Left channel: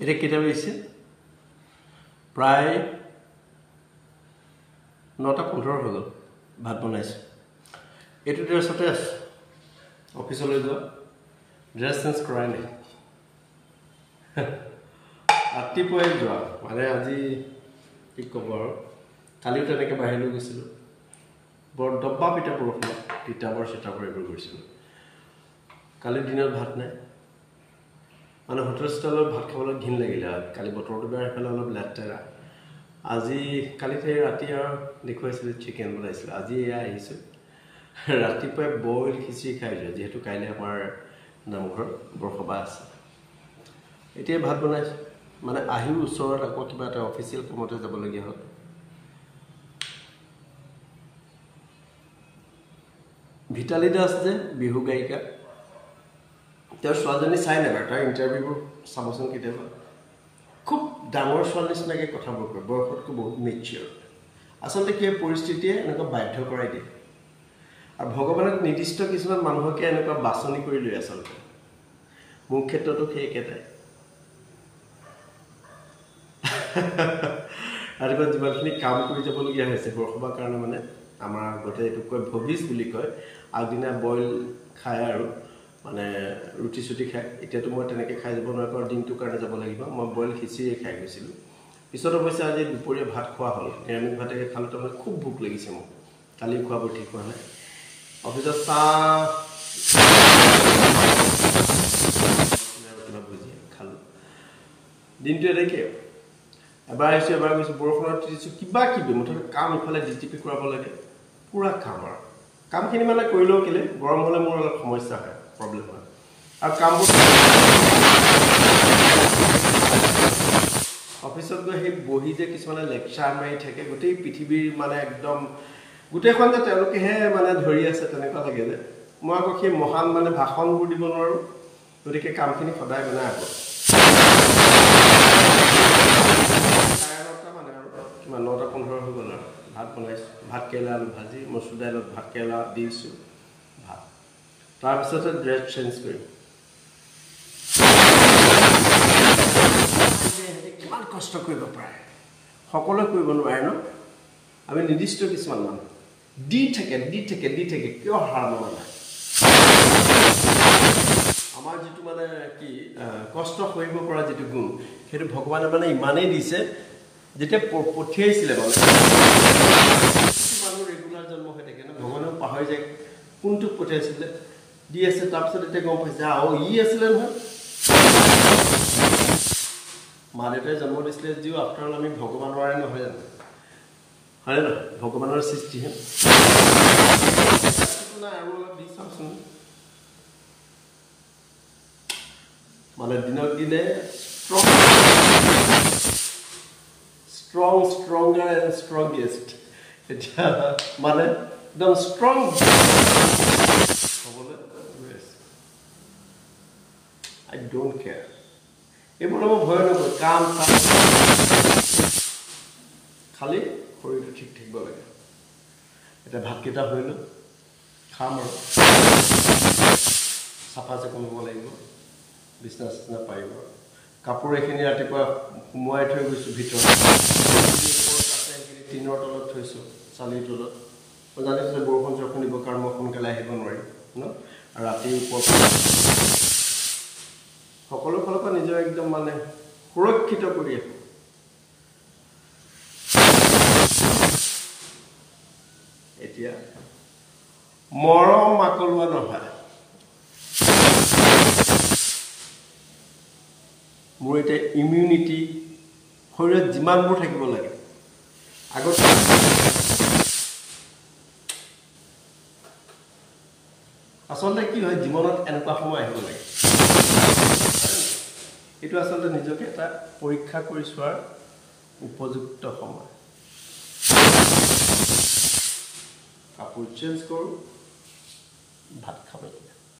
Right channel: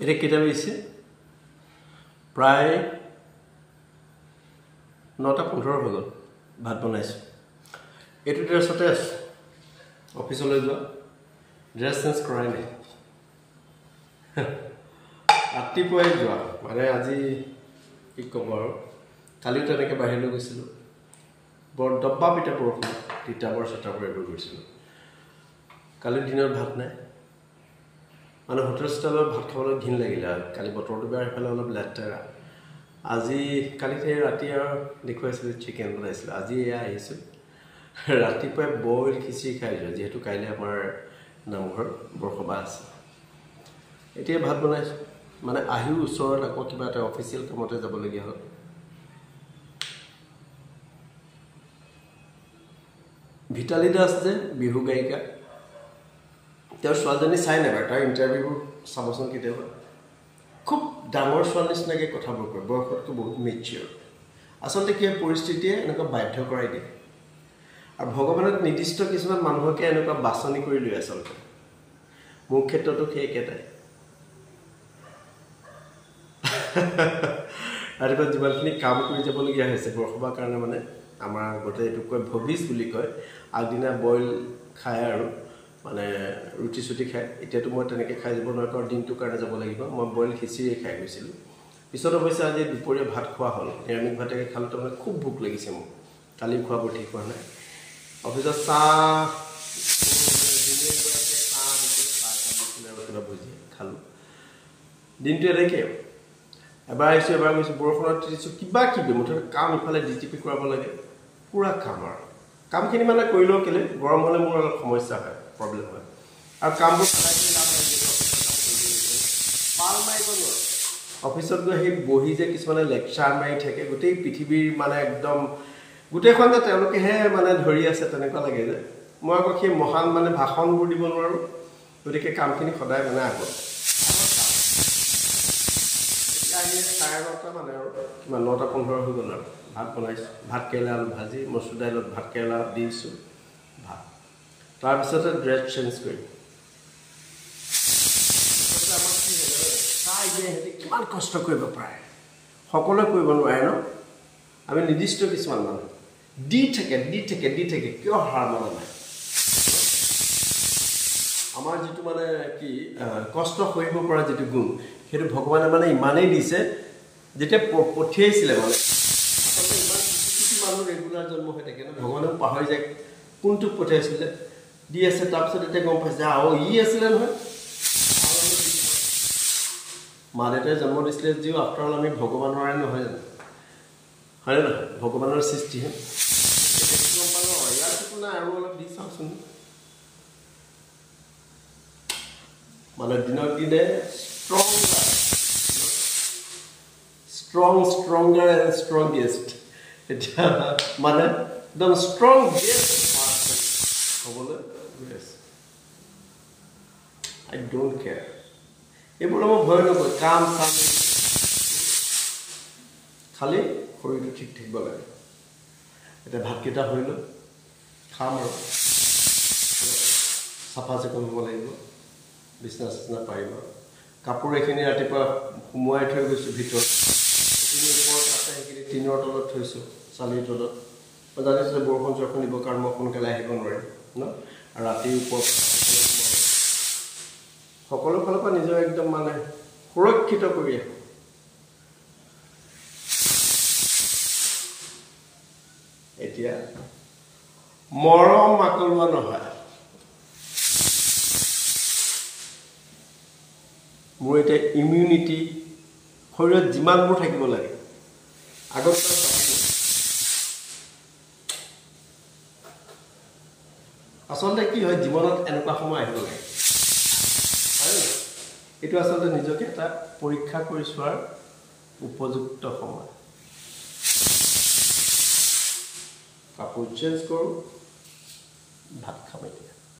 এটা কেটা বেশি প্ৰায় 9:15 হৈ গ'ল ভাত বনাইছো এটো ড্ৰেছতে আছে অফিচলৈ যোৱা ড্ৰেছ চেঞ্জ কৰাই নাই ৰাতিপুৱাই যোৱা মানে আজি কি ক'ব আৰু কালিও তেনেকৈ বাহিৰলৈ গৈছিলোঁ বৰ ডব্বা পিঠা বৰষুণ তিতাবৰ চিতাবৰ এইবোৰ গৈছিলোঁ কালি দিনত ভাত নাই মানে হোটেল ষ্টাইলত ভাত খাবলৈ ঘিন লাগিলে কালি বতৰটো বেয়া সেইফালে অলপ লেতেৰা আজি কালিতে ৰাতি আৰু দেখুৱাইছিলোঁ চিকেন বনাইছিলোঁ আজি এয়া আহিছোঁ ৰাতিপুৱাই বইল খিচিৰি খাই যোৱা যিহেতু কাইলৈ আমাৰ নামঘৰ বৰসবাহ আছে এতিয়া ভাত বনাইছোঁ মানে আহিও ওচৰত আকৌ কিবা এটা অফিচিয়েল কামতে যাবলগীয়া হ'ল ভিটালী দাস যে বিহু গায়িকা তেওঁৰ ছোৱালীজনী চাই নেবাৰ তাৰ ইণ্টাৰভিউবোৰ চাবচোন কেতিয়াবা খুব ডাঙৰ ছোৱালী নিচিনাকৈ কথাবোৰ কয় বয়সতকৈ বহুত মেচিয়ৰ আচলতে কি পৰিস্থিতিয়ে এনেকুৱা বাধ্য কৰাই দিয়ে আৰু ভগৱানে নিৰ্দিষ্ট কিছুমান মানুহকে এনেকুৱা বাছনি কৰি লৈ আচলতে মোৰ ক্ষেত্ৰতো সেই একেটাই ৰাতিপুৱা যিমানখিনি কাম কৰি যাবলগীয়া হৈছে বৰসবাহৰ কাৰণে মানে আমাৰ গোটেই এইটো কয় ভবিজ বুলি কয় আগদিনা বইল খায় আৰু মানে ৰুটি চুটি খায় এতিয়াতো মই তেনেকৈ খাই যাব নোৱাৰোঁ কাৰণ দিনটোৰ কাৰণে যাব লাগিব মই বইল খিচিৰিয়ে খাই গৈছিলোঁ পিছত অৱশ্যে আজি দুপৰীয়া ভাত খোৱা হ'ল নিৰামিষ ভাতেকে খালোঁ তাৰমানে খুব ভোক লাগিছে মোক কালি খোৱাবোৰ ঠিক হোৱা নাই অফিচত চাহ কিবা ভুজি খালোঁ দিনটো এনেকৈ এবাৰ আহিছোঁ এবাৰ গৈছোঁ বৰষুণত তিতিছোঁ কিবা কিবি মুঠতে কাম ইফালে ডিটিপি কৰাব লাগে পুৰা কাম আৰু কামখিনি মানে কৰিলেও কেলে গৰম হ'লে মোৰ অলপ সমস্যা হয় প্ৰব্লেম হয় আৰু কামবোৰ অফিচত গৈ সেই বহি যে কিছুমানে লেকচাৰ মাৰি থাকে গোটেই পৃথিৱীৰ মানে একদম গোটেইখন যে তেওঁলোকেহে মানে ধৰি আছে তেনেকুৱা লাগে যে মই আকৌ সেই মহান মানে ভাষণবোৰ দিব নোৱাৰোঁ গতিকে কামখিনি সদায় মানে আগত 9:30 মানে আৰু কিমান 9:15 হৈ গ'ল আৰু ভাত বনাইছোঁ ভাত কেৰেলা আলু ভাজি মচুৰ দাইলত ভাত কেৰেলা দিছোঁ ভাত তাৰপিছতে ড্ৰেছ চেঞ্জ কৰিম সিহঁতে কিমান কষ্ট কৰিব পাৰে সকলোৱে কৰিব নোৱাৰে ন আমি নিৰ্দিষ্ট কিছুমান মানুহ দি থাকে কিয় হাৰ মনা নাই আমাৰ যিটো মানে কি কষ্ট সহিব পৰা যিটো গুণ সেইটো ভগৱানে মানে ইমানেই দিছে যেতিয়া পঠিয়াইছিলে মানে মানুহ ৰেগুলাৰ জন্ম হৈ থাকে ন ভগৱানেও পাহৰি যায় কোনটোক পঠিয়াইছিলে দি আছে তাৰপিছত এতিয়া গম পাইছে ই আছিলে নহয় মা দেউতাই জন্ম দিছিলে যিও আফটাৰ অল আমি ভগৱানৰে নহয় জানো হয় নহয় ভগৱানৰ সৃষ্টিহে আৰু অলপ দি চাওঁচোন মানে দিনক দিনে stronger and strongest এতিয়া মানে একদম ষ্ট্ৰং হ'বলৈ I don't care এইবোৰ মই ভয় নকৰোঁ কাম চাম খালি শৰীৰটো ঠিক থাকিব লাগে এতিয়া ভাতকেইটা হৈ লওক খাম আৰু চাফা চিকুণ হ'ব লাগিব বিছনা চিছনা পাৰিব কাপোৰ এইখিনি ৰাতিপুৱা সুমুৱাই থৈ গৈছোঁ ভিতৰত ওপৰত আছে সেইখিনি টিনৰ তলত থৈছোঁ চালিৰ তলত মই জানিছোঁ বৰষুণ চৰষুণ দিব কাৰণ মই সোনকালে আহিব নোৱাৰিম ন আৰু ৰাতি ওপৰত সকলো ফালৰ পৰা নিজৰ একদম মানে সুৰক্ষিত কৰি ৰাখোঁ এতিয়া মৰম মাকলোৱা নহয় মোৰ এতিয়া ইমিউনিটি শৰীৰত যিমানবোৰ থাকিব লাগে আগত আচলতে কি হয় জীৱনত এনেকুৱা সময় আহিব লাগে এইটো আচলতে নিজকে এটা পৰীক্ষা কৰি চোৱাৰ উপযুক্ত সময় কাপোৰ চেঞ্জ কৰোঁ ভাত খাম এতিয়া